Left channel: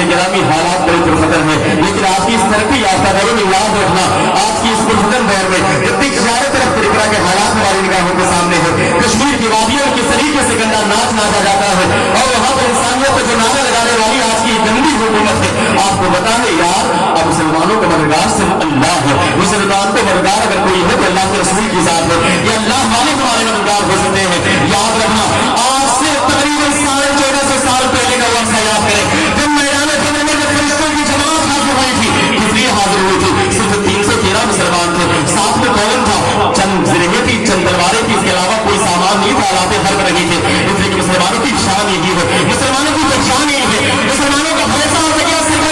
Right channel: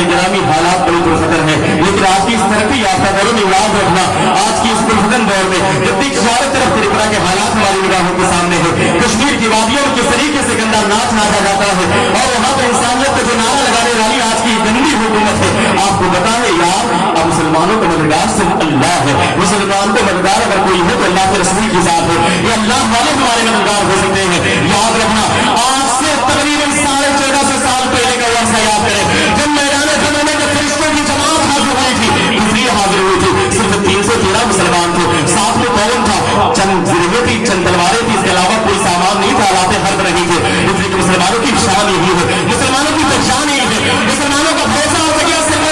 नाज़रीन गिरामी हालात बड़ी पुरखतर है, लेकिन आज की इस तरक्की याफ्ता दौर में याद रखना, आज की इस पुरखतर दौर में जब तक चारों तरफ त्रिपुरा के हालात हमारी निगाहों के सामने है, कश्मीर की वादियों में किस तरीके से गंदा नाच नाचा जाता है और वहाँ पर इंसानियत को जो नारा लगाने वाली आज की गंदी हुकूमत है, आपको बता है यार अब मुसलमानों का मददगार सिर्फ अल्लाह है। मुसलमान को मददगार अगर कोई है तो अल्लाह के रसूल की जात है, ये अल्लाह वाले हमारे मददगार हो सकते हैं। याद रखना, आज से तकरीबन 1450 साल पहले का वर्ष याद करें, जब मैदान जंग में जब फरिश्तों की जमात हाजिर हुई थी, दूसरी हाजिर हुई थी, सिर्फ 313 मुसलमान थे, साथ में कौन था, चंद जिरहे थी, चंद तलवारें थी, इसके अलावा कोई सामान नहीं था, हालात हर्ब रही थी। इसलिए मुसलमानों की शान यही है, मुसलमानों की पहचान यही है, मुसलमानों का भरोसा और तकिया सिर्फ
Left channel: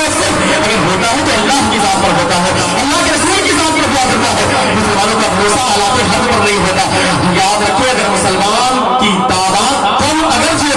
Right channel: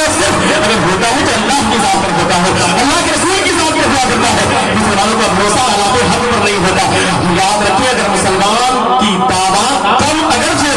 अगर होता है तो अल्लाह की जात पर होता है, अल्लाह के रसूल की जात पर हुआ करता है। मुसलमानों का भरोसा हालात हर्ब पर नहीं होता। याद रखिए, अगर मुसलमान की तादाद कम अगर है,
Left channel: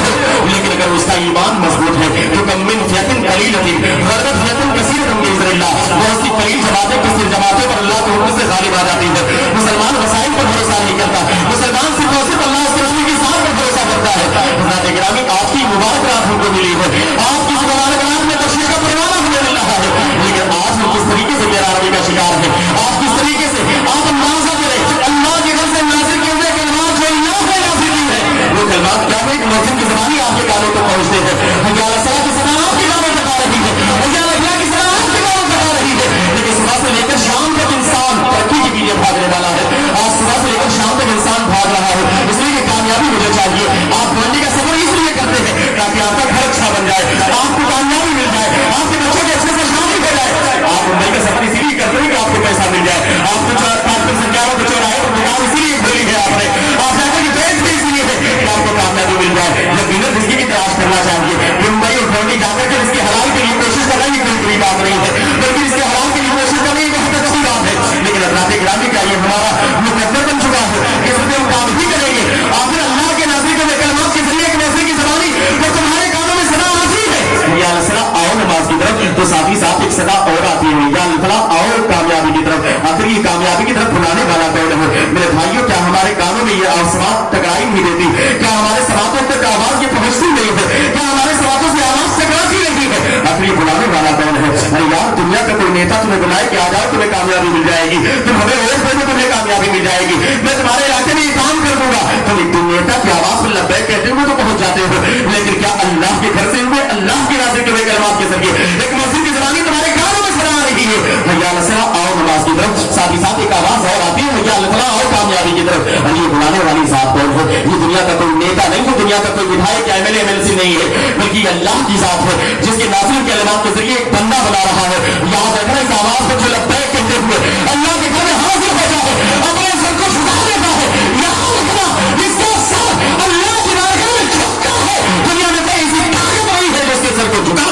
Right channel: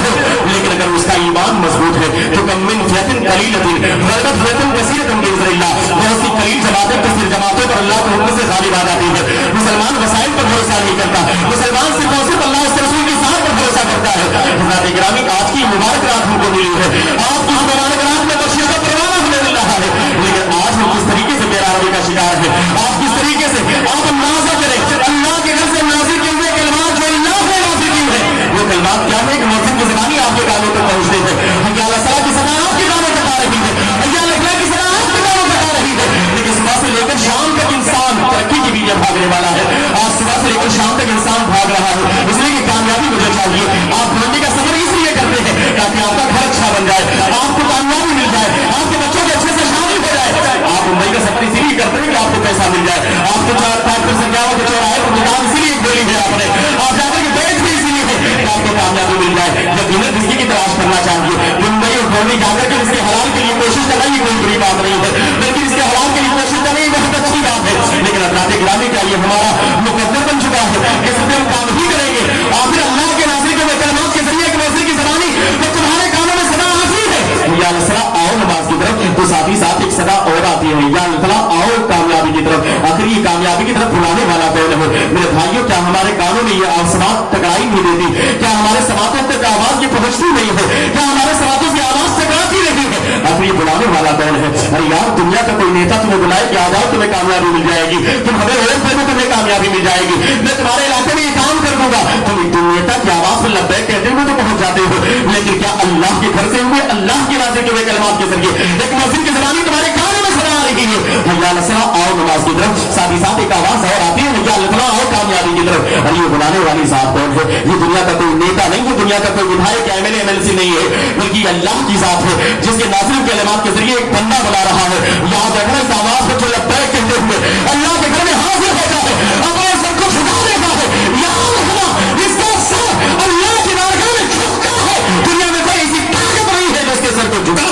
लेकिन अगर उसका ईमान मजबूत है तो कम मिन फियतिन कलीलतिन गलबत फियतिन कसीरतन बिइज़्निल्लाह, बहुत सी कलील जमातें कसीर जमातें पर अल्लाह के हुक्म से गालिब आ जाती है। मुसलमान वसाइल पर भरोसा नहीं करता, मुसलमान सिर्फ और सिर्फ अल्लाह के रसूल की जात पर भरोसा करता है। हज़रत गिरामी, आज की मुबारक रात हमको मिली है, आज की मुबारक रात में बशीर का परवाना होने वाला है, लेकिन आज हम किस तरीके से गैरहाज़िरी का शिकार है, आज किस तरीके से आप अंदाजा करें अल्लाह के घर से नाज़िल किए हुए कलमात जो अल्लाह ने नाज़िल की है, वो कलमात क्या है कि मौसम की ज़बानी आपके कानों तक पहुंचते हैं। हज़रत सलाह की सदा आपके कानों तक आ रही है, हज़रत अल्लाह की सदा आपके कानों तक आ रही है, लेकिन सुबह से लेकर शाम तक इंसान तरक्की की बीच भागने वाला है। आज सुबह से लेकर शाम तक इंसान भाग रहा है, इसलिए कि कामयाबी मुझे चाहिए। आप मंडी का सफर इसलिए करते हैं ताकि आपका घर अच्छा बन जाए, आपको कामयाबी मिल जाए, आपके बच्चों की अच्छे से शादी हो जाए। आप मुंबई का सफर इसीलिए करते हैं कि आपको पैसा मिल जाए, आपको ट्रैक्टर सरकारों को चौराहे पर दुकान इसीलिए खोली है आपने, आप जाकर के बेच भी इसीलिए है कि आपको कामयाबी मिल जाए। जब बिना रिज़्क़ की तलाश करना चाहिए, मुंबई और धोनी जाकर के इसके हलाल के लिए कोशिश करना ये कोई बुरी बात नहीं है, लेकिन इसके हलाल के लिए कोशिश करना ये बहुत अच्छी बात है। लेकिन हज़रत गिरामी का ये हमारा मुकद्दर बन चुका है कि सिर्फ हम काम ही करेंगे, आखिर अल्लाह के नाज़िल के कलमात के जरिए एक वैसे की ज़बानी जो तुम्हारे कानों में सदा आती है, या अल्लाह आओ नमाज की तरफ, तो साथ ही साथ एक सदा और आती है, या अल्लाह आओ कामयाबी की तरफ। आखिर ये कामयाबी की तरफ बुलाने वाला कौन है? मेरे भाइयों, क्या हमारे कानों में ये आवाज़ टकराई नहीं देती? क्या हमारे समातों तक आवाज ये पहुंचती नहीं है? क्या हमारे समातों से आवाज टकराती नहीं है? आखिर ये बुलाने वाला कौन है? अरे यार, दुनिया का कोई नेता तुम्हें बुलाए कि आ जाओ तुम्हें कामयाबी मिल जाएगी, तुम हमें वोट दे दो तुम्हें कामयाबी मिल जाएगी, मैं तुम्हारे इलाके में ये काम कर दूंगा, तुम एक नेता की आवाज पर लब्बैक कहते हुए तो पहुंच जाते हो। लेकिन क्या अल्लाह के घर से हुए अल्लाह की नाज़िल के हुए कलमात के जरिए एक मस्जिद की ज़बानी तुम्हारे कानों में सदा आ रही है? भैया अल्लाह आओ नमाज की तरफ, साथ ही साथ एक आवाज और आती है, भैया अल्लाह आओ कामयाबी की तरफ। और ये बुलाने वाली जात कौन है? ये दुनिया का कोई नेता नहीं है, दुनिया का कोई विधायक या एमएलए एमएलसी नहीं है, बल्कि अल्लाह की जात है, जिसके नाज़िल के कलमात के जरिए एक बंदा बना रहा है। याद रखना, इस आवाज को जो लब्बैक कहते हुए अल्लाह के घर में हाजिर होता है, अपने सर को झुका देता है। याद रखना, इसका सर अल्लाह की बारगाह में झुकता है। दुनिया में कोई ऐसी ताकत नहीं है जिसके सर को झुका,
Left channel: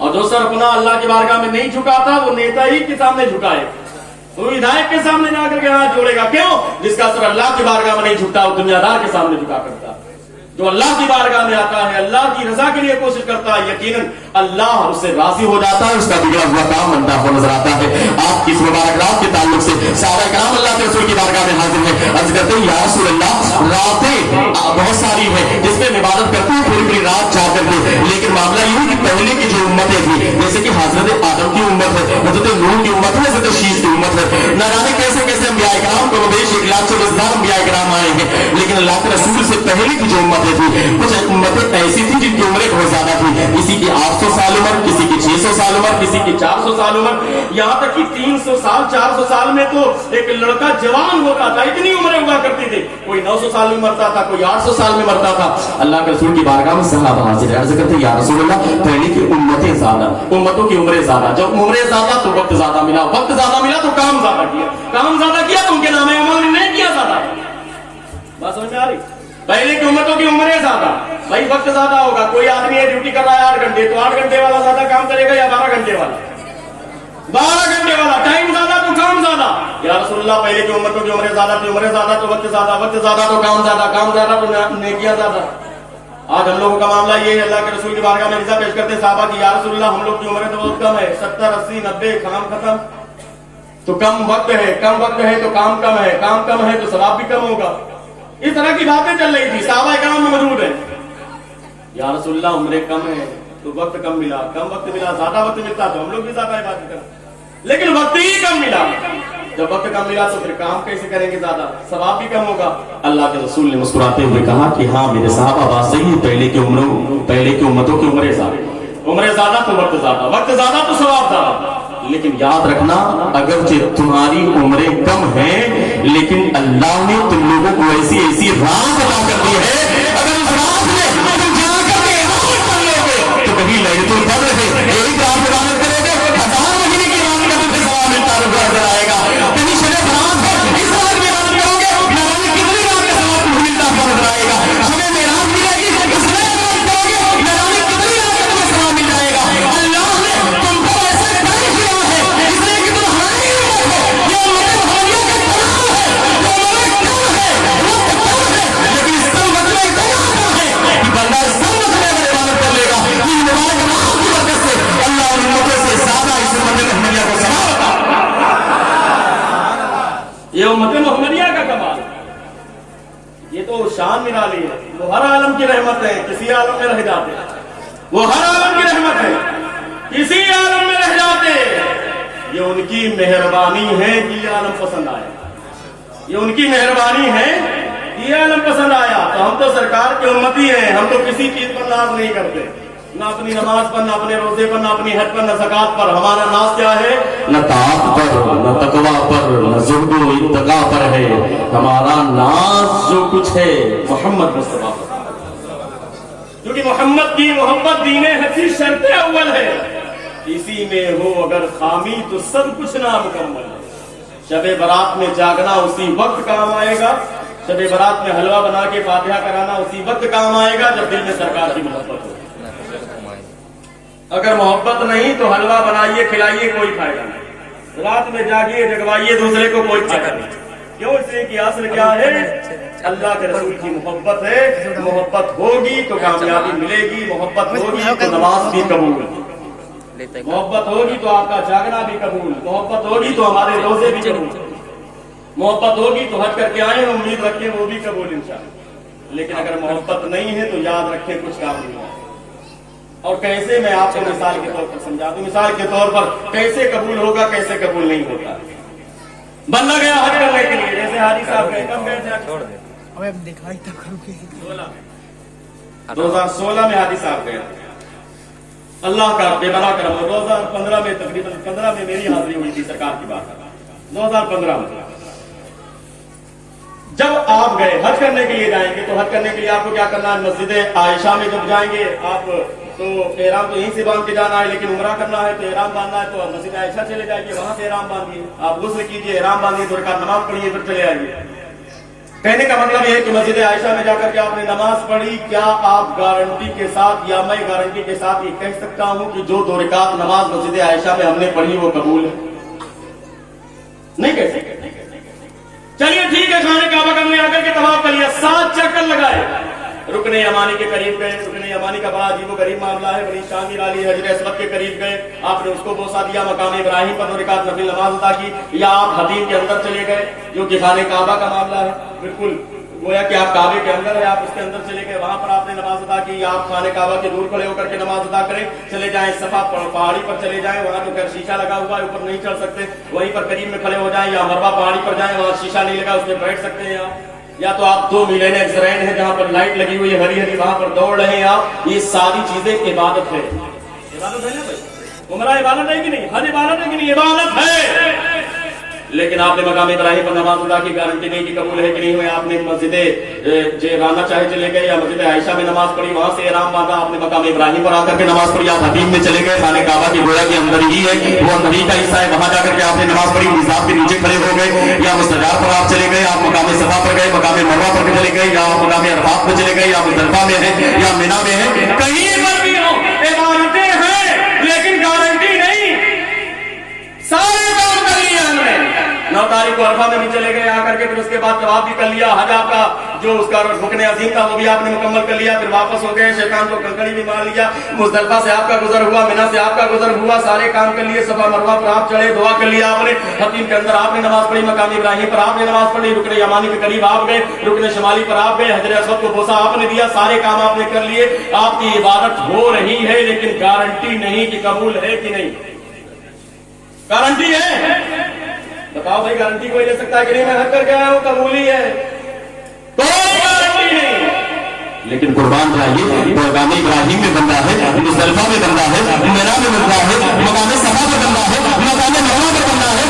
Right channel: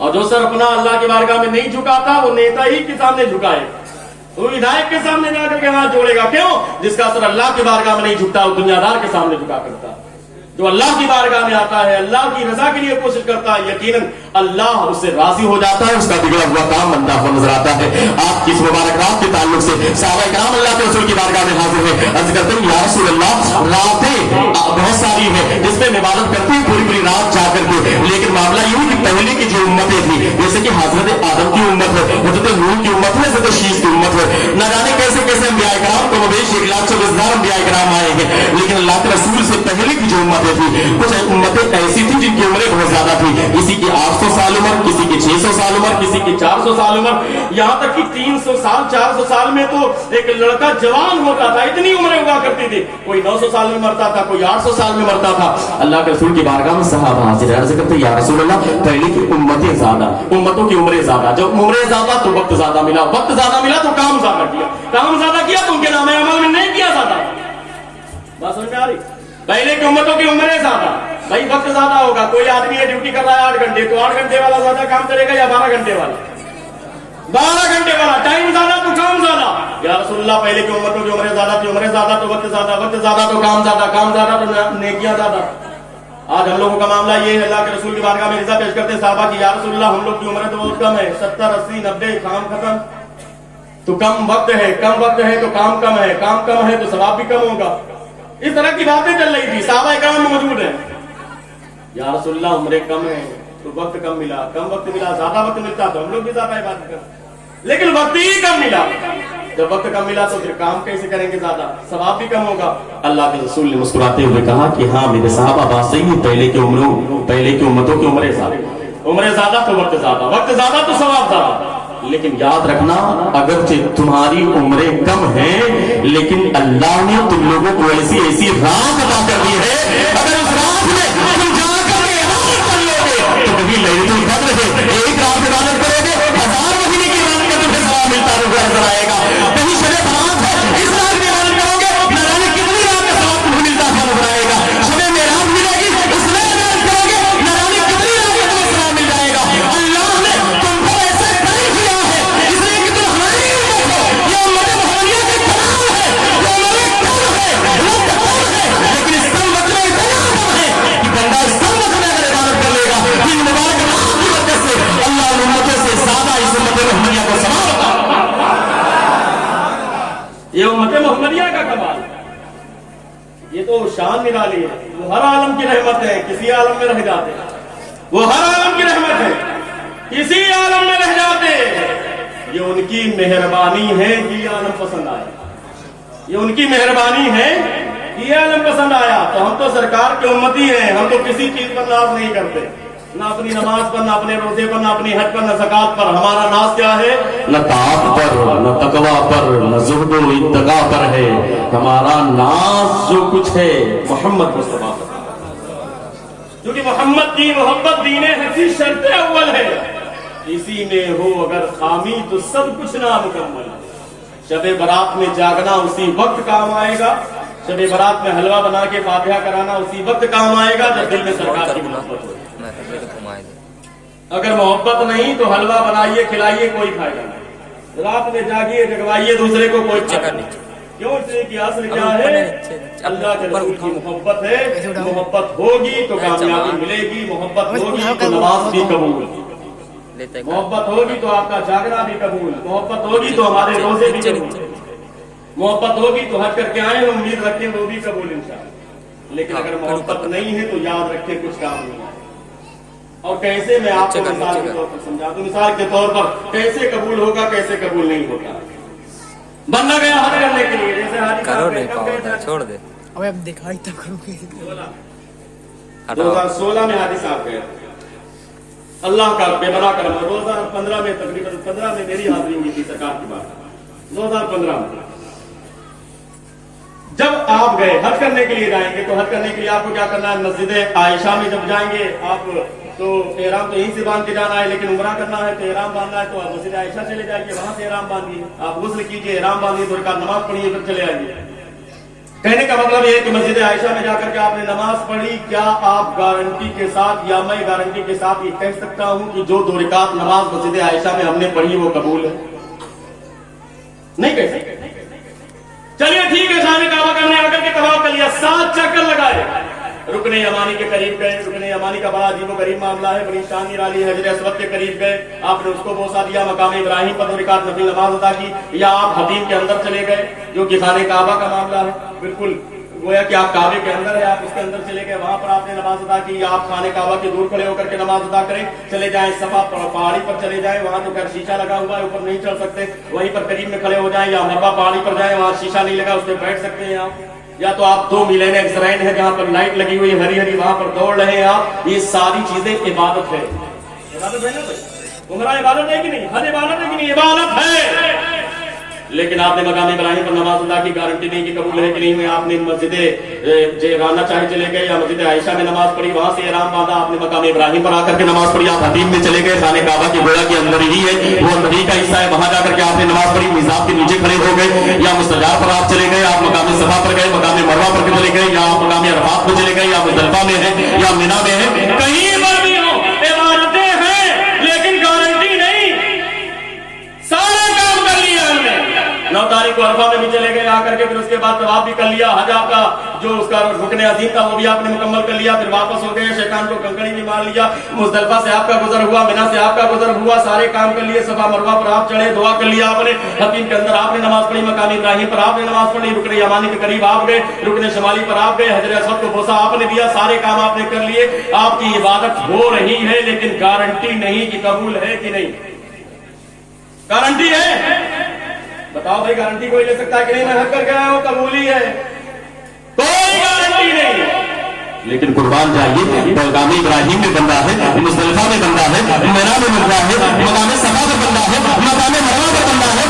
और जो सर अपना अल्लाह की बारगाह में नहीं झुकाता वो नेता ही के सामने झुकाए, वो विधायक के सामने जाकर के हाथ जोड़ेगा। क्यों? जिसका सर अल्लाह की बारगाह में नहीं झुकता वो दुनियादार के सामने झुका करता। जो अल्लाह की बारगाह में आता है, अल्लाह की रजा के लिए कोशिश करता है, यकीनन अल्लाह उससे राजी हो जाता है, उसका बिगड़ा हुआ काम बनता हुआ नजर आता है। आपकी इस मुबारक रात के ताल्लुक से सहाबा किराम अल्लाह के रसूल की बारगाह में हाजिर है, अर्ज करते हैं या रसूल अल्लाह, रातें बहुत सारी है जिसमें इबादत करते हैं पूरी पूरी रात जाकर के, लेकिन मामला ये है कि पहले की जो उम्मतें थी, जैसे कि हजरत आदम की उम्मत है, हजरत नूह की उम्मत है, हजरत शीश की उम्मत है, न जाने कैसे कैसे अंबिया किराम को बेश 1,40,000 अंबिया किराम आए हैं, लेकिन अल्लाह के रसूल से पहले की जो उम्मतें थी, कुछ उम्मतें ऐसी थी जिनकी उम्रें बहुत ज्यादा थी, किसी की 800 साल उम्र, किसी की 600 साल उम्र, किसी की 400 साल उम्र, यहाँ तक कि 300 साल 400 साल में तो एक लड़का जवान होता था, इतनी उम्रें हुआ करती थी। कोई 900 साल में मरता था, कोई 800 साल में मरता था। अल्लाह के रसूल की बारगाह में सहाबा हाजिर अर्ज करते या रसूल अल्लाह, पहले की उम्मतें ज्यादा, उम्मतों की उम्रें ज्यादा, जब उम्रें ज्यादा तो वक्त ज्यादा मिला, वक्त ज्यादा मिला तो काम ज्यादा किया, काम ज्यादा किया तो उनके नामे अमल में नहीं किया ज्यादा। बात समझ में आ रही? पहले की उम्मतों की उम्रें ज्यादा, भाई वक्त ज्यादा होगा। कोई आदमी है ड्यूटी कर रहा है 8 घंटे, तो 8 घंटे वाला ज्यादा काम करेगा या 12 घंटे वाला? 12 घंटे वाला। टाइम ज्यादा तो काम ज्यादा। या रसूलुल्लाह, पहले की उम्मतों की उम्रें ज्यादा थी, उम्रें ज्यादा तो वक्त ज्यादा, वक्त ज्यादा तो काम ज्यादा, काम ज्यादा तो नेकियां ज्यादा। आज हम लोगों का मामला ये है, अल्लाह के रसूल की बारगाह में रिज़ा पेश करते हैं साहबा की, या रसूलुल्लाह हम लोग की उम्र तो बहुत कम है, 70, 80, 90, काम खत्म। तो कम वक्त है, कम वक्त है तो काम कम है, काम कम है तो सवाब भी कम होगा। इस तरह की बातें चल रही थी, साहबा इकराम में मौजूद है। या रसूलल्लाह उम्र कम है तो वक्त कम मिला, कम वक्त मिला, ज्यादा वक्त मिलता तो हम लोग भी ज्यादा इबादत करते, लेकिन वक्त ही कम मिला। जब वक्त कम मिला तो फिर काम कैसे करेंगे, ज्यादा सवाब भी कम होगा। अल्लाह के रसूल ने मुस्कुराते हुए कहा कि हाँ मेरे साहबा बात सही है, पहले की उम्मतों की उम्रें ज्यादा तो वक्त ज्यादा तो सवाब ज्यादा। लेकिन याद रखना, अगरचे तुम्हारी उम्रें कम हैं, लेकिन अल्लाह ने तुम लोगों को ऐसी ऐसी रात अदा कर दी है, अगर उस रात में तुम जाकर के इबादत कर लोगे तो कभी लैलतुल कद्र है, एक रात इबादत करोगे 1000 महीने की इबादत का तुम्हें सवाब मिलता नजर आएगा। कहीं शबे बरात है, इस रात में इबादत करोगे न जाने कितनी रात का सवाब तुम्हें मिलता नजर आएगा। शबे मेराज मिलेगी, उसमें इबादत करोगे न जाने कितनी रात का तुम्हें सवाब मिल जाएगा। अल्लाह ने तुमको ऐसा कर दिया है इसलिए कि तुम्हारी उम्मत हो, ये उम्मत मोहम्मदिया का कमाल है, वो उम्र कम है, वक्त कम है, लेकिन इस कम वक्त में इतना कम है कि बंदा इस कम वक्त में अगर इबादत कर लेगा तो मुबारक नाम की बरकत से अल्लाह उन उम्मतों से ज्यादा इस उम्मत मोहम्मदिया को सवाब अता फरमाएगा। ये उम्मत मोहम्मदिया का कमाल, ये तो शान निराली है। वो हर आलम की रहमत है, किसी आलम में रह जाते हैं। वो हर आलम की रहमत है, किसी आलम में रह जाते। ये उनकी मेहरबानी है कि ये आलम पसंद आया, ये उनकी मेहरबानी है कि ये आलम पसंद आया। तो हम तो सरकार के उम्मती हैं, हम तो किसी चीज पर नाज नहीं करते, ना अपनी नमाज पर, ना अपने रोजे पर, ना अपनी हज पर, ना ज़कात पर। हमारा नाज क्या है? न ताक़त पर, न तकवा पर, न ज़ुहद व इत्तक़ा पर है। हमारा नाज जो कुछ है मोहम्मद मुस्तफा पर, क्योंकि मोहम्मद की मोहब्बत दीने हसी शर्त अव्वल है। इसी में हो अगर खामी तो सब कुछ नामुकम्मल है। शबे बारात में जागना उसी वक्त काम आएगा, शबे बारात में हलवा बना के फातिहा कराना उसी वक्त काम आएगा जब दिल में सरकार की मोहब्बत हो। अगर मोहब्बत नहीं तो हलवा बनाइए, खिलाइए, कोई फायदा नहीं। रात में जागिए, जगवाइए दूसरे को, कोई फायदा नहीं। क्यों? इसलिए कि असल क्या है? अल्लाह के रसूल की मोहब्बत है। मोहब्बत होगी तो कामयाबी मिलेगी, मोहब्बत होगी तो नमाज भी कबूल, मोहब्बत होगी तो आपका जागना भी कबूल, मोहब्बत होगी तो हमारे रोजे भी कबूल, मोहब्बत होगी तो हज करके आए उम्मीद रखें वो भी कबूल इंशाअल्लाह। लेकिन अगर मोहब्बत नहीं है तो याद रखें कुछ काम नहीं है। और कैसे, मैं आपको मिसाल के तौर पर समझा दूं। मिसाल के तौर पर कैसे कबूल होगा, कैसे कबूल नहीं होता। बंदा गया हज करने के लिए, जैसे हाजी साहब गए, कब गए थे? छोड़ दे, अब दिखाई तो 2016 में हाजी साहब गए। अल्लाह का बेबना करम, 2015 में, तकरीबन 15 में मेरी हाजिरी हुई थी सरकार की बात, 2015 में। जब आप गए हज करने के लिए, जाएंगे तो हज करने के लिए आपको क्या करना है? मस्जिद आयशा में जब जाएंगे आप तो एहराम तो यहीं से बांध के जाना है, लेकिन उम्रा करना है तो एहराम बांधना है तो मस्जिद आयशा चले जाइए, वहां से एहराम बांधिए, आप गुस्ल कीजिए, एहराम बांधिए, 2 रकात नमाज पढ़िए, फिर चले आइए। कहने का मतलब यह है कि मस्जिद आयशा में जाकर के आपने नमाज पढ़ी, क्या आप गारंटी के साथ या मैं गारंटी के साथ ये कह सकता हूं कि जो 2 रकात नमाज मस्जिद आयशा में हमने पढ़ी वो कबूल है? नहीं कह सकते। चलिए ठीक है, खाने काबा करने आकर के तवाफ कर लिया, 7 चक्कर लगाए, रुकने यमानी के करीब गए। रुकने यमानी का बड़ा अजीब गरीब मामला है, बड़ी शान निराली। हजर अस्वद के करीब गए, आपने उसको बोसा दिया, मकाम इब्राहिम पर 2 रकात नफिल नमाज अदा की, या आप हदीम के अंदर चले गए जो कि खाने काबा का मामला है, बिल्कुल गोया कि आप काबे के अंदर है, आप उसके अंदर चले गए, वहां पर आपने नमाज अदा की, या आप खाने काबा के दूर खड़े होकर के नमाज अदा करें। चले जाएं सफा पहाड़ी पर चले जाएं, वहां तो खैर शीशा लगा हुआ है, ऊपर नहीं चढ़ सकते, वहीं पर करीब में खड़े हो जाएं, या मरवा पहाड़ी पर जाएं, वहां शीशा नहीं लगा, उस पर बैठ सकते हैं आप। या तो आप 2 मिलेन एक्सरेन है जहां पर लाइट लगी हुई है हरी हरी, वहां पर दौड़ रहे हैं आप। ये सारी चीजें इबादत है, इबादत है ना भाई? उम्रा इबादत है कि नहीं? हज इबादत है कि नहीं? इबादत है। लेकिन आपने मकाम इब्राहिम पर नमाज अदा की, गारंटी नहीं कि कबूल है कि नहीं हुई। आपने मस्जिद जेराना चाहे चले गए, या मस्जिद आयशा में नमाज पढ़ी, वहां से एहराम बांधा, आपने मकाम इब्राहिम पर आकर के नमाज पढ़ी, आप हदीम में चले गए, खाने काबा की गोया के अंदर ही है, वो अंदर ही का हिस्सा है, वहां जाकर के आपने नमाज पढ़ी, मिज़ाब के नीचे खड़े हो गए, या मुस्तजार पर आप चले गए, आप मकाम सफा पर गए, मकाम मरवा पर चले गए, या आप मकाम अरफात पर चले गए, या मुज़दलिफा में है, या मिना में है, कहीं पर भी हो इबादतें हैं, लेकिन गारंटी नहीं। सारे काम कर लिए हमने। 9 तारीख को अरफा में भी चले गए आकर के, फिर उसके बाद तवाफ भी कर लिया, हज आपका जो उसका रुकने अजीम था वो भी आपने मुकम्मल कर लिया, फिर वापस हो गए, शैतान को कंकड़ी भी मार लिया, मुज़दलिफा से आपका गुजर हुआ, मिना से आपका गुजर हुआ, सारे काम कर लिए, सफा मरवा पर आप चढ़े, दुआ कर लिया आपने, हकीम के अंदर आपने नमाज पढ़ी, मकाम इब्राहिम पर आपने नमाज पढ़ी, रुकने यमानी के करीब आप गए, रुकने शमाली पर आप गए, हजर अस्वद को बोसा आपने दिया, सारे काम आपने कर लिए, आपकी इबादत हो रही है, लेकिन गारंटी नहीं कि कबूल है कि नहीं। गारंटी है? बताओ भाई, गारंटी कोई ले सकता है कि नहीं मैं हक करके आया हूं कबूल ही है? कोई गारंटी नहीं। लेकिन कुर्बान जाइए, मकाम इब्राहिम में बंदा है, मुज़दलिफा में बंदा है, मिना में बंदा है, मकाम सफा पर बंदा है, मकाम मरवा पर बंदा है,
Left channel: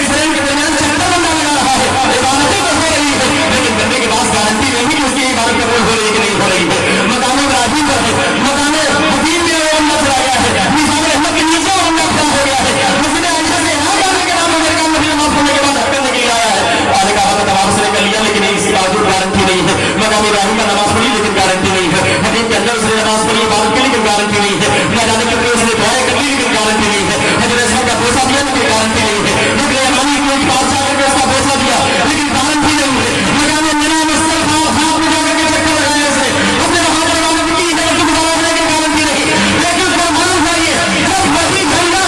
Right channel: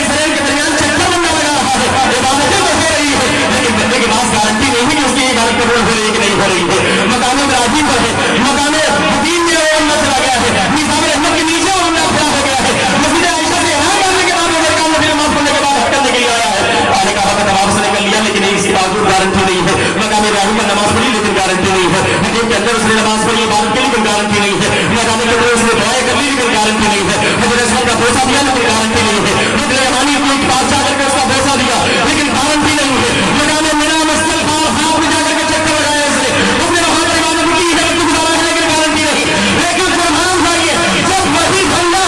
इस्राइल के दरमियान चक्कर बंदा लगा रहा है, इबादतें तो हो रही है, लेकिन बंदे के पास गारंटी नहीं कि उसकी इबादत कबूल हो रही है कि नहीं हो रही है। मकाम इब्राहिम पर है, मकाम हकीम में वो बंदा चला गया है, निज़ाम रहमत के नीचे वो बंदा खड़ा हो गया है, मस्जिद आयशा से यहाँ जाने के बाद मेरे काम नबी नमाज पढ़ने के बाद हक करने के लिए आया है, आने का वक्त नमाज से कर लिया, लेकिन इसके बावजूद गारंटी नहीं है। मकाम इब्राहिम का नमाज पढ़ी लेकिन गारंटी नहीं है, हदीस के अंदर उसने नमाज पढ़ी इबादत की लेकिन गारंटी नहीं है, न जाने के लिए उसने दुआएं कर ली लेकिन गारंटी नहीं है, हजरत अस्वद का पैसा दिया लेकिन गारंटी नहीं है, रुकने यमानी के एक बादशाह करके उसका पैसा दिया लेकिन गारंटी नहीं है, मकाम मिना मुज़दलिफा हाथ में जाकर के चक्कर लगाया उसने, अपने वहां पर इबादत की इजाजत गुजारा है लेकिन गारंटी नहीं। लेकिन कुर्बान जाइए, जब वही बंदा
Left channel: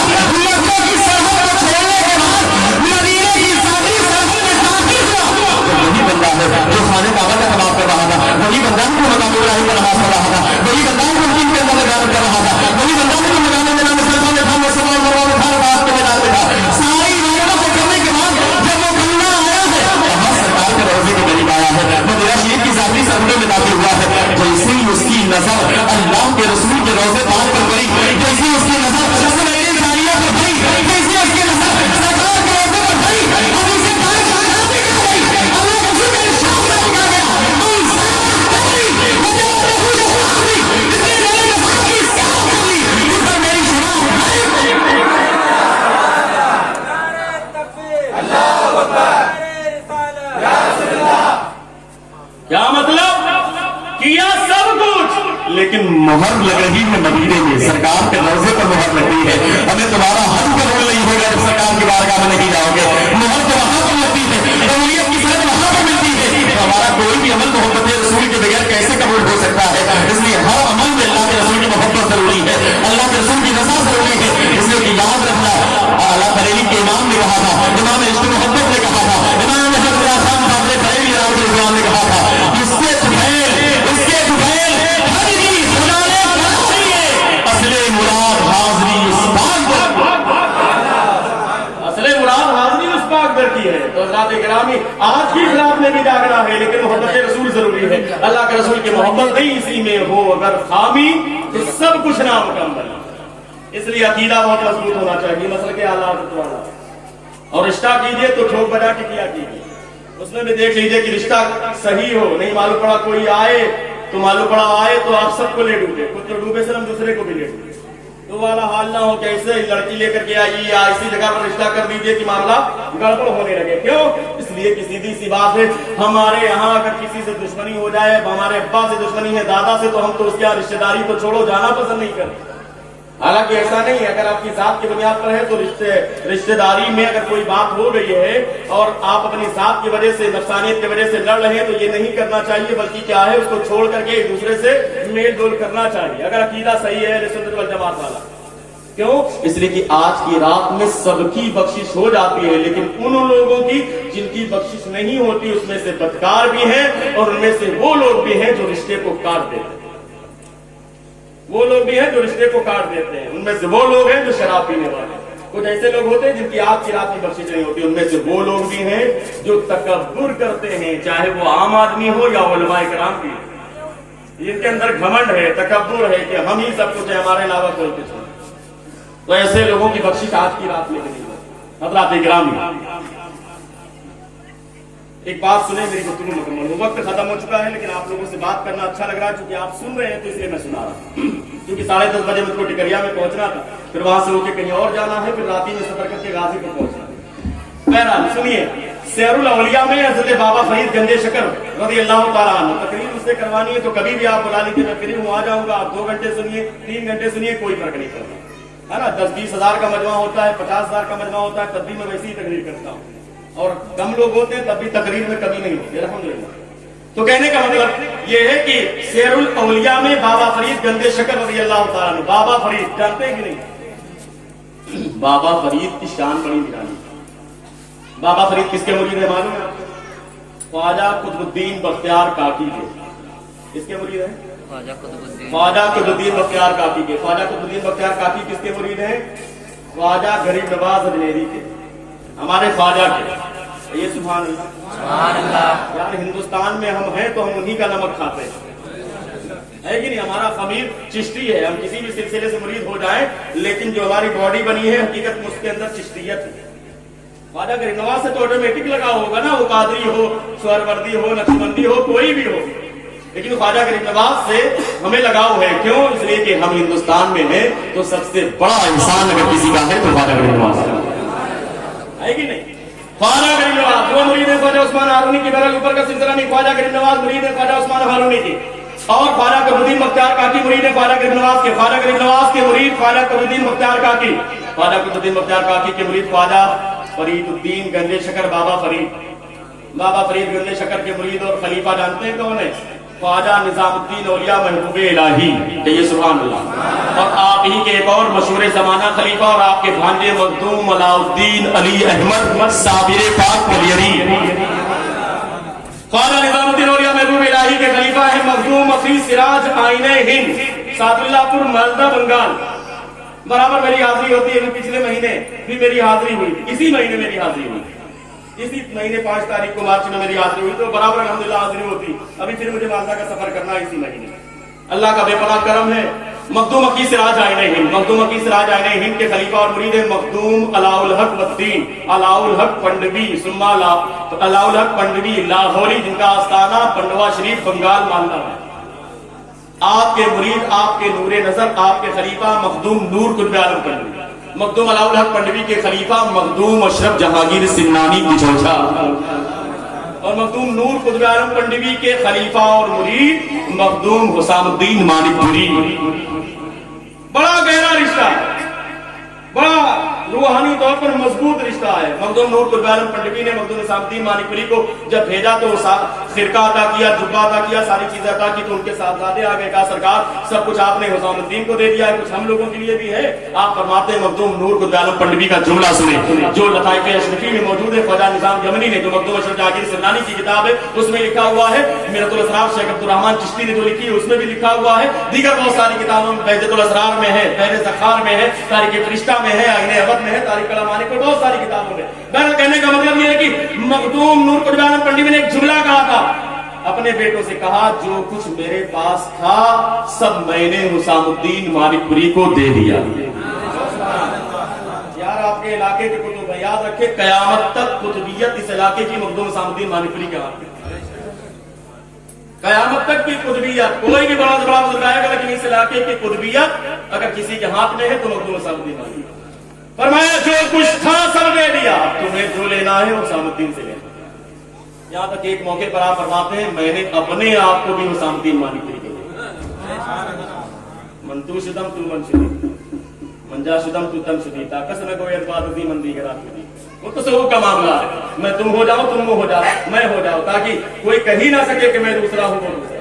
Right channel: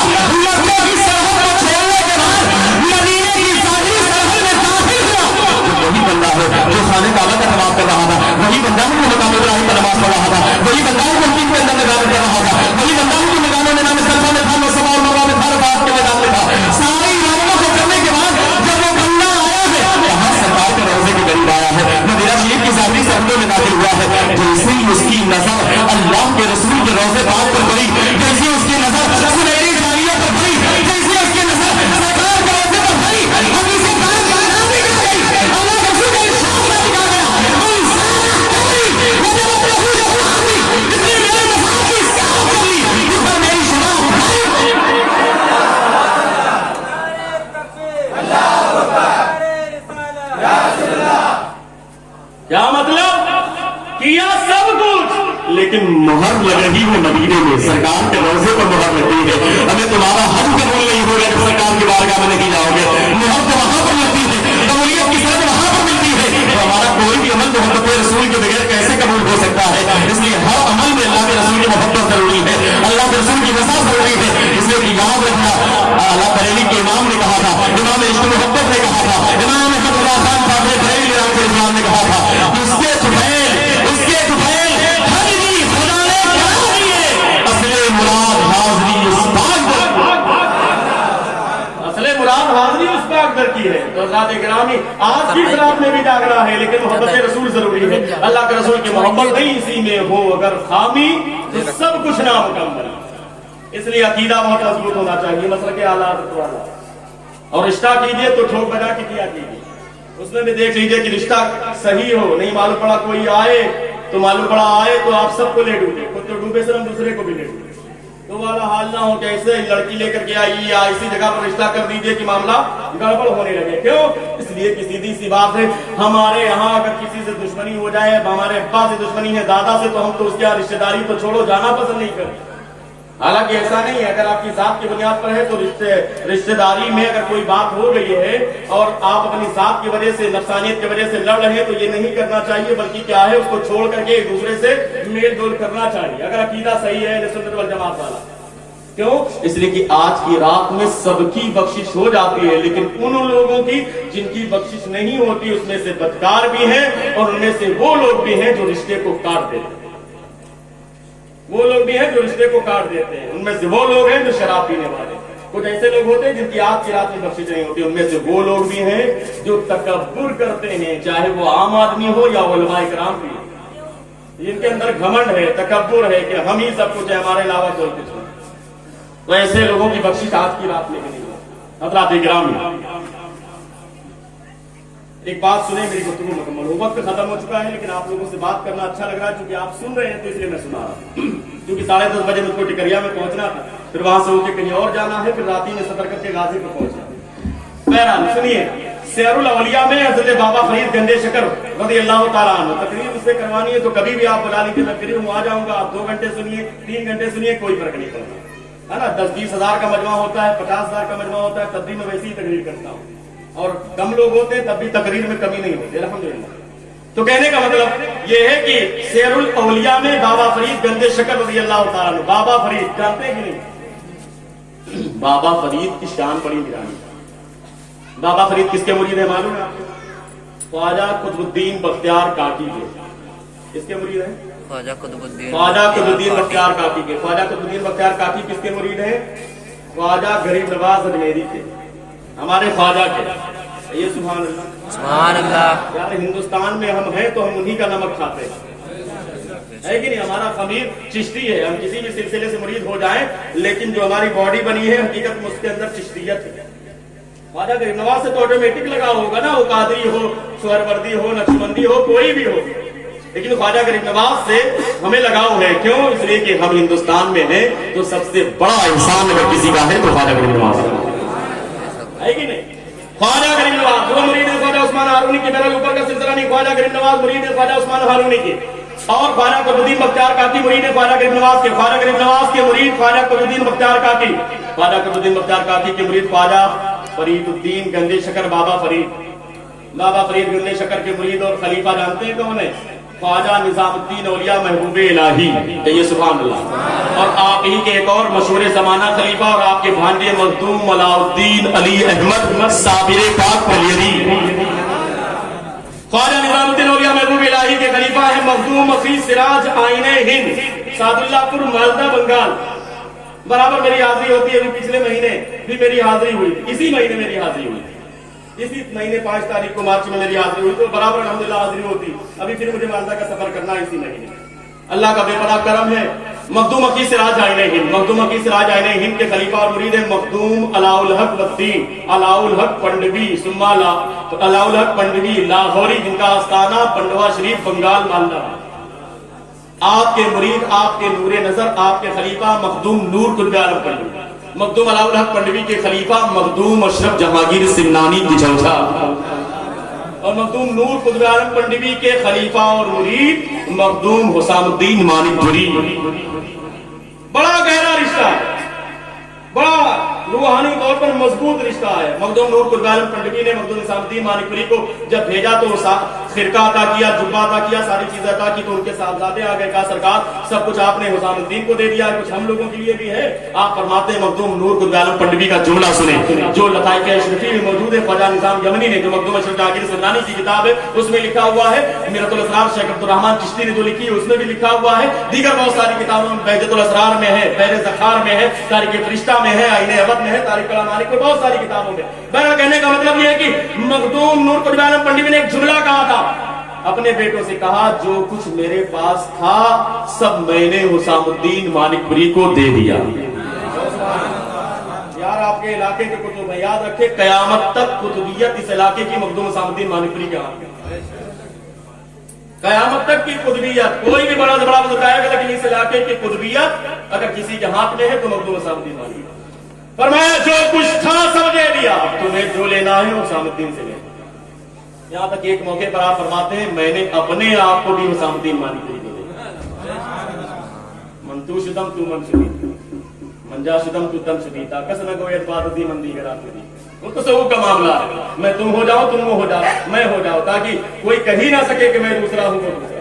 मक्का की सरहद को छोड़ने के बाद मदीने की सारी सरहद में दाखिल हुआ, जब वही बंदा है जो खाने काबा का तवाफ कर रहा था, वही बंदा है जो मकाम इब्राहिम का नमाज पढ़ रहा था, वही बंदा है जो मदीने के अंदर नमाज कर रहा था, वही बंदा है जो मकाम मिना मुज़दलिफा में था, सफा और मरवा में था, अरफात के मैदान में था, सारी इबादतों को करने के बाद जब वो बंदा आया है यहाँ सरकार के रोजे के करीब आया है, मदीना शरीफ की सारी सरहदों में दाखिल हुआ है, जैसे ही उसकी नजर अल्लाह के रसूल के रोजे पाक पर पड़ी, जैसे उसकी नजर सुनहरी साड़ियों पर पड़ी, जैसे उसकी नजर सरकार के रोजे पर पड़ी, हदीस पाक में गई, अल्लाह के रसूल का इरशाद लगा गया, इतनी मेरे नमाज की इस्तेमाल कर ली, इस पर मेरी शराब क्या मतलब? किया सब कुछ, लेकिन मोहर लग रही है मदीने में, सरकार के रोजे पर मोहर लगी है, हमें तुम्हारा हज कबूल नहीं होगा जब सरकार की बारगाह में नहीं जाओगे, मोहर तो वहां पर लगती है, कबूलियत की सनद वहां पर मिलती है, तो हमारा कोई भी अमल मोहब्बत रसूल के बगैर कैसे कबूल हो सकता है? इसलिए हर अमल में अल्लाह के रसूल की मोहब्बत जरूरी है, अल्लाह के रसूल की रज़ा जरूरी है, इसलिए कि याद रखना, अल्लाह बरेली के इमाम ने कहा था, इमाम इश्क मोहब्बत ने कहा था, इमाम हज़रत खान साहब बरेली राम के इमाम ने कहा था, इसके दुफैल हजरी खुदा ने करा रही है, असले मुराद हाज़री उस पाक असले मुराद हाज़री उस पाक दर की है। तो हज़रात गिरामी, आज की इस रात में भी जागना है, लेकिन मोहब्बत रसूल जरूरी है, अल्लाह के रसूल की मोहब्बत नहीं इसी में हो अगर खामी तो सब कुछ नामुकम्मल। इसलिए अकीदा बहुत मजबूत होना चाहिए, मसल के आला वाला, और रिश्ता कीजिए तो ठोक बजा के किया कीजिए, उसमें भी देख लीजिए कि रिश्ता सही हो, नहीं मालूम पड़ा कोई आए तो मालूम पड़ा आए तो आप सबको ले डूबे, खुद तो डूबे से हम दूसरे को भी ले डूबे, तो वाला हाल ना हो कैसे लड़की लेकर के आई या इसी जगह पर रिश्ता कर दीजिए कि मामला गड़बड़ होने लगे। क्यों? इसलिए कि सीधी सी बात है, हमारे यहाँ अगर किसी से दुश्मनी हो जाए, हमारे अब्बा से दुश्मनी है, दादा से, तो हम तो उसकी रिश्तेदारी तो छोड़ो जाना पसंद नहीं करते। हालांकि ऐसा नहीं है, अगर आपकी जात की बुनियाद पर है तो रिश्तेदारी में अगर कोई बात हो गई है और आप अपनी जात की वजह से, नफसानियत की वजह से लड़ रहे हैं तो ये नहीं करना चाहिए, बल्कि क्या है उसको छोड़ करके एक दूसरे से मेल जोल करना चाहिए, अगर अकीदा सही है सुन्नत वल जमात वाला। क्यों? इसलिए कि आज की रात में सबकी बख्शिश हो जाती है, लेकिन उन लोगों की जिनकी बख्शिश नहीं होती उसमें से बदकार भी हैं और उनमें से वो लोग भी हैं जो रिश्ते को काट देते हैं, वो लोग भी हैं जो रिश्ते को काट देते हैं, उनमें से वो लोग हैं जो शराब पीने वाले, कुछ ऐसे लोग होते हैं जिनकी आज की रात में बख्शिश नहीं होती, उनमें से वो लोग भी हैं जो तकब्बुर करते हैं, चाहे वो आम आदमी हो या उलमाए किराम भी, जिनके अंदर घमंड है, तकब्बुर है कि हम ही सब कुछ है, हमारे अलावा कोई कुछ नहीं। तो ऐसे लोगों की बख्शिश आज की रात में नहीं है। हज़रात गिरामी, एक बात सुने, मेरी गुफ्तगू मुकम्मल हो, वक्त खत्म हो चुका है, लेकिन आप लोगों से बात करना अच्छा लग रहा है क्योंकि आप सुन रहे हैं, तो इसलिए मैं सुना रहा हूं। क्योंकि 10:30 बजे मुझको टिकरिया में पहुंचना था, फिर वहां से उनके कहीं और जाना है, फिर राती में सफर करके गाजीपुर पहुंचना है। बहरहाल सुनिए, शेरुल अवलिया में हज़रत बाबा फरीद गंदे शकर रज़ी अल्लाह तआला अन्हु तकरीर उससे करवानी है, तो कभी भी आप बुला लीजिए, मैं फ्री हूं, आ जाऊंगा। आप 2 घंटे सुनिए, 3 घंटे सुनिए, कोई फर्क नहीं पड़ता है ना। 10-20 हजार का मजमा होता है, 50 हजार का मजमा होता है, तब भी मैं वैसी ही तकरीर करता हूँ, और कम लोग होते हैं तब भी तकरीर में कमी नहीं होती, अल्हम्दुलिल्लाह। تو کہنے کا مطلب یہ ہے کہ سیر الاولیاء میں بابا فرید گنج شکر رضی اللہ تعالیٰ عنہ، بابا فرید جانتے ہیں کہ نہیں؟ بابا فرید کی شان بڑی نرالی. بابا فرید کس کے مرید ہیں معلوم ہے آپ کو؟ خواجہ قطب الدین بختیار کاکی کے. کس کے مرید ہیں؟ خواجہ قطب الدین بختیار کاکی کے. خواجہ قطب الدین بختیار کاکی کس کے مرید ہیں؟ خواجہ غریب نواز اجمیری کے، ہمارے خواجہ کے. یہ سبحان اللہ، سبحان اللہ. یار ہندوستان میں ہم ہیں تو ہم انہی کا نمک کھاتے ہیں، ہے کہ نہیں؟ ہمارا خمیر چشتی ہے، ہم کسی بھی سلسلے سے مرید ہو جائیں لیکن جو ہماری باڈی بنی ہے حقیقت میں اس کے اندر چشتیت ہے. خواجہ غریب نواز سے تو آٹومیٹک لگا ہوگا نا، وہ قادری ہو، سہروردی ہو، نقشبندی ہو، کوئی بھی ہو، لیکن خواجہ غریب نواز سے ہمیں لگاؤ ہے. کیوں؟ اس لیے کہ ہم ہندوستان میں ہیں تو سب سے بڑا انسان اگر کسی کا ہے تو خواجہ غریب نواز ہے کہ نہیں؟ خواجہ غریب نواز وہ مرید ہے خواجہ عثمان ہارونی کی. بہرحال اوپر کا سلسلہ نہیں، خواجہ غریب نواز مرید ہے خواجہ عثمان ہارونی کی. اور خواجہ قطب الدین بختیار کاکی مرید ہے خواجہ غریب نواز کے. خواجہ غریب نواز کے مرید خواجہ قطب الدین بختیار کاکی. خواجہ قطب الدین بختیار کاکی کے مرید خواجہ فرید الدین گنج شکر بابا فرید. بابا فرید گنج شکر کے مرید اور خلیفہ جانتے ہیں کون ہے؟ خواجہ نظام الدین اولیاء محبوب الہی. کہیے سبحان اللہ. اور آپ ہی کے ایک اور مشہور زمانہ خلیفہ اور آپ کے بھانجے مخدوم علاء الدین علی احمد صابر پاک پلیری. خواجہ نظام الدین اولیاء محبوب الہی کے خلیفہ ہیں مخدوم مفی سراج آئین ہند سعد اللہ پور مالدہ بنگال. برابر میری حاضری ہوتی ہے. پچھلے مہینے بھی میری حاضری ہوئی، اسی مہینے میری حاضری ہوئی، اسی مہینے 5 تاریخ کو مارچ میں میری حاضری ہوئی، تو برابر الحمدللہ حاضری ہوتی. ابھی پھر مجھے مالدہ کا سفر کرنا ہے اسی مہینے. اللہ کا بے پناہ کرم ہے. مخدوم مکی سراج آئین ہند، مخدوم مکی سراج آئین ہند کے خلیفہ اور مرید ہیں مخدوم علاء الحق والدین علاء الحق پنڈوی ثم علاء الحق پنڈوی لاہوری، جن کا آستانہ پنڈوا شریف بنگال مالدہ ہے. آپ کے مرید، آپ کے نور نظر، آپ کے خلیفہ مخدوم نور قطب عالم پنڈوی. مخدوم علاء الحق پنڈوی کے خلیفہ مخدوم اشرف جہانگیر سنانی بچوچا. اور مخدوم نور قطب عالم پنڈوی کے خلیفہ اور مرید مخدوم حسام الدین مانک پوری. بڑا گہرا رشتہ ہے، بڑا روحانی طور پر مضبوط رشتہ ہے. مخدوم نور قطب عالم پنڈوی نے مخدوم حسام الدین مانک پوری کو جب بھیجا تو خرقہ عطا کیا، جبہ عطا کیا، ساری چیزیں عطا کی، تو ان کے صاحبزادے آ گئے. کہا سرکار سب کچھ آپ نے حسام الدین کو دے دیا ہے، کچھ ہم لوگوں کے لیے بھی ہے. آپ فرماتے ہیں مخدوم نور قطب عالم پنڈوی کا جملہ سنیں جو لطائف اشرفی میں موجود ہے. خواجہ نظام یمنی نے جو مخدوم اشرف جہانگیر سنانی کی کتاب ہے اس میں لکھا ہوا ہے. میرۃ الاسرار شیخ عبدالرحمان چشتی نے جو لکھی ہے اس میں بھی لکھا ہوا ہے. دیگر بہت ساری کتابوں میں بہجت الاسرار میں ہے، بحر ذخار میں ہے، تاریخ فرشتہ میں ہے، آئین ابد میں ہے، تاریخ کلامانی کو بہت ساری کتابوں میں. بہرحال کہنے کا مطلب یہ ہے کہ مخدوم نور قطب عالم پنڈوی نے ایک جملہ کہا تھا، اپنے بیٹوں سے کہا جو کچھ میرے پاس تھا سب میں نے حسام الدین مانک پوری کو دے دیا. یار آپ کے علاقے کے کتب یاد رکھے، قیامت تک قطبیت اس علاقے کی مخدوم حسام الدین مانک پوری کے ہاتھ میں. قیامت تک کی قطبیت کوئی بھی بڑا سے بڑا بزرگ آئے گا لیکن اس علاقے کی قطبیت اگر کسی کے ہاتھ میں ہے تو مخدوم حسام الدین مانک پوری. فرمایا جو کچھ تھا سب دے دیا، تمہیں جو لینا ہے حسام الدین سے لینا. یہاں تک ایک موقع پر آپ فرماتے ہیں میں نے اپنے آپ کو بھی حسام الدین مانک پوری کو دیا. منتو شدم تو من شدید منجا شدم تو تم شدید کس نہ کوئی اعتبار دی مندی کے رات دی. وہ تو تصوف کا معاملہ ہے، میں تم ہو جاؤ، تم ہو جاؤ، میں ہو جاؤ، تاکہ کوئی کہی نہ سکے کہ میں دوسرا ہوں وہ دوسرا.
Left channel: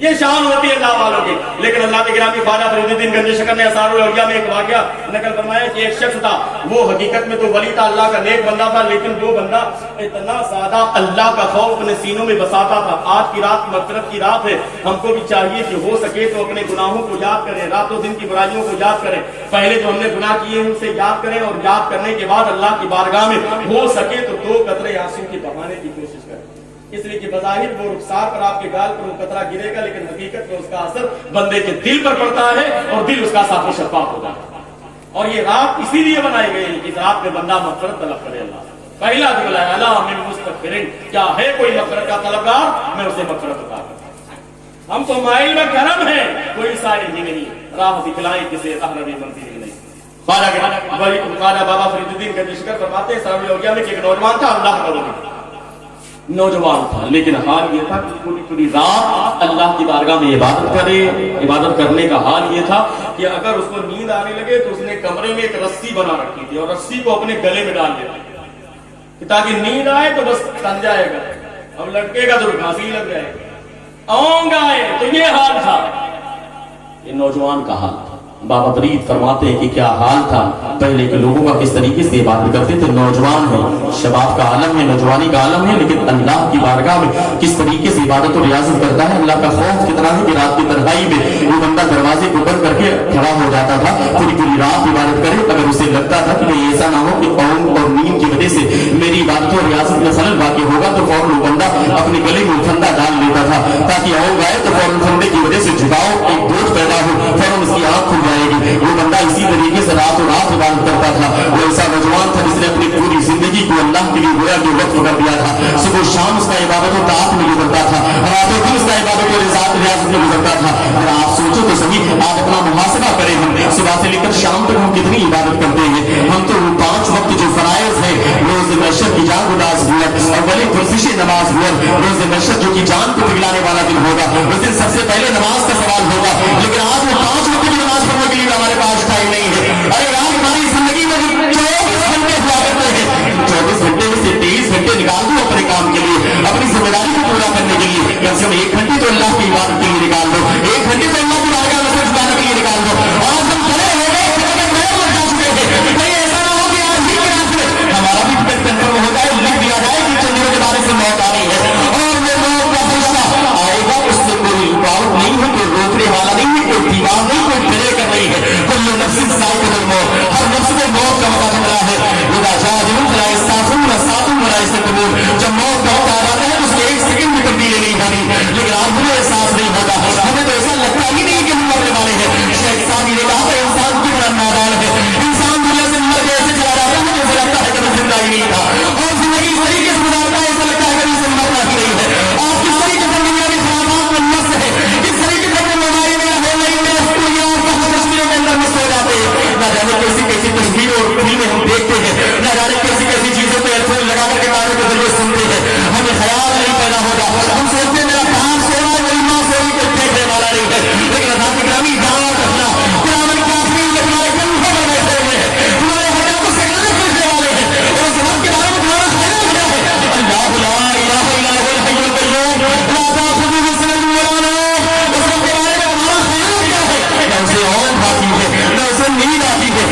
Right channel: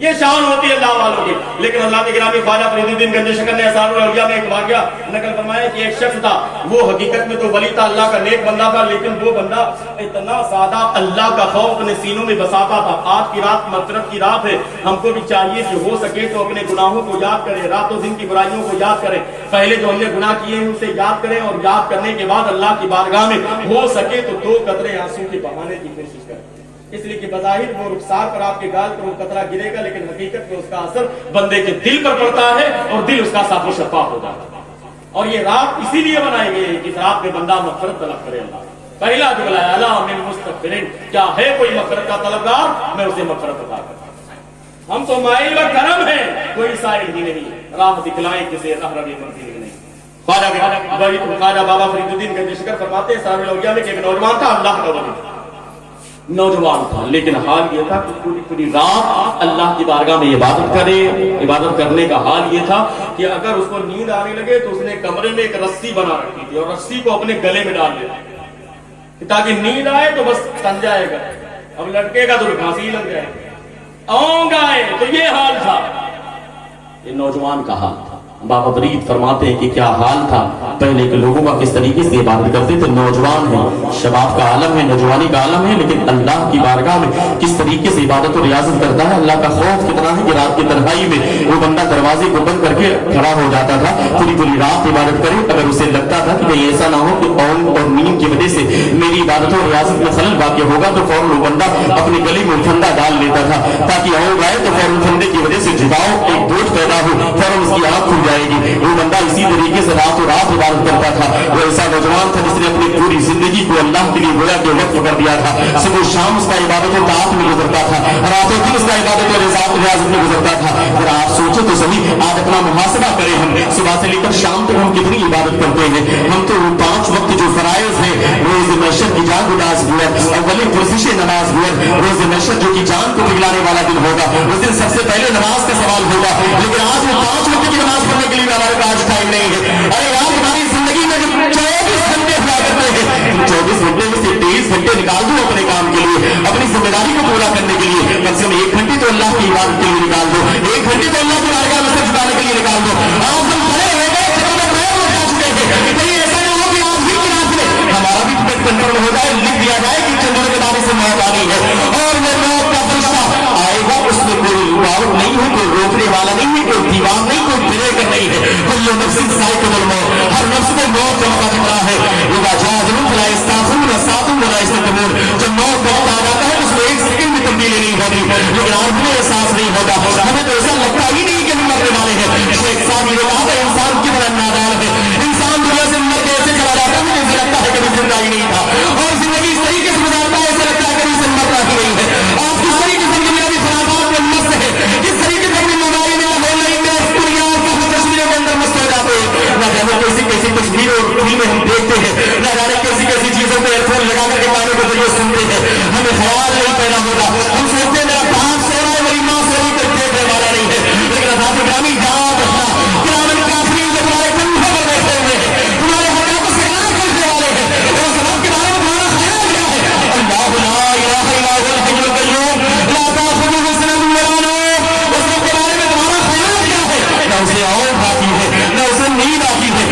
یہ شان ہوتی ہے اللہ والوں کی. لیکن اللہ کے گرامی خواجہ فرید الدین گنج شکر نے اسرار الاولیاء میں ایک واقعہ نقل فرمایا کہ ایک شخص تھا، وہ حقیقت میں تو ولی تھا، اللہ کا نیک بندہ تھا، لیکن وہ بندہ اتنا زیادہ اللہ کا خوف اپنے سینوں میں بساتا تھا. آج کی رات مغفرت کی رات ہے، ہم کو بھی چاہیے کہ ہو سکے تو اپنے گناہوں کو یاد کریں، رات و دن کی برائیوں کو یاد کریں. پہلے جو ہم نے گناہ کیے ہیں ان سے یاد کریں، اور یاد کرنے کے بعد اللہ کی بارگاہ میں ہو سکے تو 2 قطرے آنسو کے بہانے کی کوشش کریں. اس لیے کہ بظاہر وہ رخسار پر آپ کے گال پر وہ قطرہ گرے گا لیکن حقیقت میں اس کا اثر بندے کے دل پر پڑتا ہے اور دل اس کا صاف و شفاف ہو جاتا ہے. اور یہ رات اسی لیے بنائی گئی ہے کہ اس رات میں بندہ مغفرت طلب کرے. اللہ پہلا جو بلایا اللہ من مستغفرین، کیا ہے کوئی مغفرت کا طلبگار، میں اسے مغفرت عطا کرتا ہوں. ہم تو مائل و کرم ہیں، کوئی سائل ہی نہیں، راہ دکھلائیں کسے راہ روی منزل نہیں. خواجہ بابا فرید الدین گنج شکر فرماتے ہیں اسرار الاولیاء میں کہ ایک نوجوان تھا، اللہ کا ولی نوجوان تھا، لیکن حال یہ تھا کہ پوری پوری رات اللہ کی بارگاہ میں عبادت کرے. عبادت کرنے کا حال یہ تھا کہ اگر اس کو نیند آنے لگے تو اس نے کمرے میں ایک رسی بنا رکھی تھی اور رسی کو اپنے گلے میں ڈال دیا تاکہ نیند آئے تو بس تن جائے گا. अब लड़के का तो फांसी लग जाए, आऊंगा तो ये हाल था, ये नौजवान का हाल था। बाबा फरीद फरमाते हैं कि क्या हाल था पहले के लोगों का, किस तरीके से इबादत करते थे। नौजवान है, शबाब का आलम है, नौजवानी का आलम है, लेकिन अल्लाह की बारगाह में किस तरीके से इबादत और रियाजत करता है। अल्लाह का खौफ कितना है कि रात की तन्हाई में वो बंदा दरवाजे को बंद करके खड़ा हो जाता था, पूरी पूरी रात इबादत करे। अगर उसे लगता था कि नहीं ऐसा ना हो कि कौम और नींद की वजह से मेरी इबादत और रियाजत में खलल वाक़ होगा, तो फौरन वो बंदा अपने गले में फंदा डाल लेता था, ताकि आओ आए तो फौरन फंदे की वजह से झुकाओ एक बोझ पैदा हो, फौरन उसकी आंख खुल जाएगी। वो बंदा इसी तरीके से रातों रात इबादत करता था। वो ऐसा नौजवान था जिसने अपनी पूरी जिंदगी को अल्लाह के लिए गोया के वक्त कर दिया था। सुबह शाम उसका इबादत और ताअत में गुजरता था, रातों दिन उसका इबादत और रियाजत में गुजरता था। अगर आप सोचो तो सही, आज अपना मुहासबा करें, हम सुबह से लेकर शाम तक हम कितनी इबादत करते हैं। हम तो 5 वक्त जो फराइज है, रोज महशर की जान उदास हुआ, अव्वली पुरसिश नमाज हुआ, रोज महशर जो कि जान को पिघलाने वाला दिन होगा, उस दिन सबसे पहले नमाज का सवाल होगा। लेकिन आज वो 5 वक्त की नमाज पढ़ने के लिए हमारे पास टाइम नहीं है। अरे यार हमारी जिंदगी में 24 घंटे हुआ करते हैं, 24 घंटे में से 23 घंटे निकाल दो अपने काम के लिए, अपनी जिम्मेदारी को पूरा करने के लिए। कम से कम 1 घंटे तो अल्लाह की इबादत के लिए निकाल दो, 1 घंटे तो अल्लाह की बारगाह में सिर्फ जाने के लिए निकाल दो। आज हम खड़े हो गए, कहीं ऐसा ना हो कि आज भी हमारा भी टिकट कंफर्म हो जाए, लिख दिया जाए कि चंद्र के बारे से मौत आ रही है और वो मौत का फरिश्ता आएगा, उसमें कोई रुकावट नहीं है, कोई रोकने वाला नहीं है, कोई दीवार नहीं, कोई ब्रेकर नहीं है। कोई नफ्स साइकिल मौत, हर नफ्स को मौत का मौका मिला है। जब मौत का वक्त आ जाता है उसमें 1 सेकंड भी तब्दीली नहीं होती, लेकिन आज हमें एहसास नहीं होता। हमें तो ऐसा लगता ही नहीं कि हम मरने वाले हैं। शेख साहब ने कहा था इंसान कितना नादान है, इंसान दुनिया से मर के ऐसे चला जाता है जैसे लगता है कि वो जिंदा ही नहीं था, और जिंदगी इस तरीके से गुजारता है ऐसा लगता है कि उसे मरना ही नहीं है। आज किस तरीके से जिंदगी में खराबात में नफ्स है, किस तरीके से अपने मोबाइल में ऑनलाइन में तस्वीरों के अंदर मस्त हो जाते हैं। ना जाने कैसी कैसी तस्वीर और फिल्में हम देखते हैं, ना जाने कैसी कैसी चीजों को एयरफोन लगा करके कानों के जरिए सुनते हैं। हमें ख्याल नहीं पैदा होता, हम सोचते हैं मेरा बाप सो रहा है, मेरी माँ सो रही, कोई फेंकने वाला नहीं है। लेकिन अभी ग्रामीण गाँव रखना पुराने काफिर जो तुम्हारे कंधों पर बैठे हुए हैं, तुम्हारे हक़ को सिखाने करने वाले हैं, और उस वक्त के बारे में तुम्हारा ख्याल क्या है? अल्लाह ला इलाहा इल्ला हुवल हय्युल क़य्यूम ला ताख़ुज़ुहु सिनतुन वला नौम। उस वक्त के बारे में तुम्हारा ख्याल क्या है? न उसे औंध आती है, न उसे नींद आती है।